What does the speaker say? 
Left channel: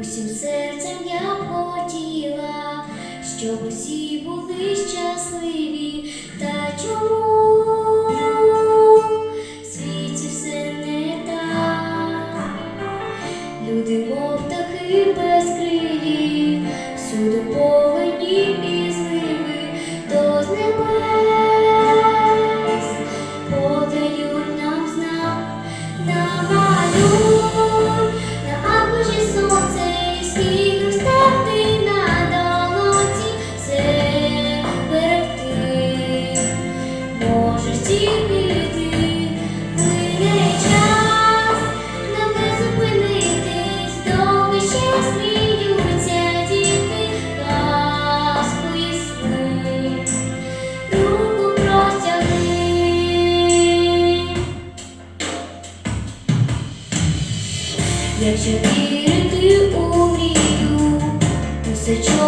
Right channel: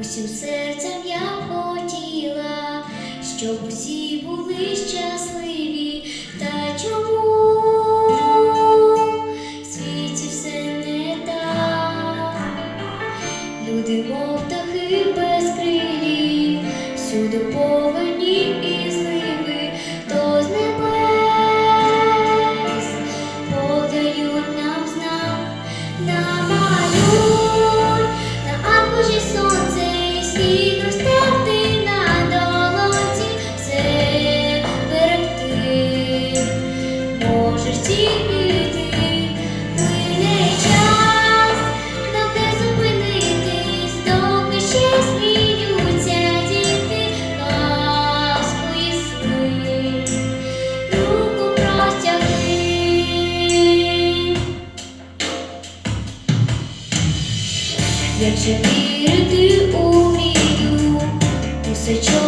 усім серцем я хотіла, щоб усі були щасливі та чому. Якщо вірити у мрію, усе чого.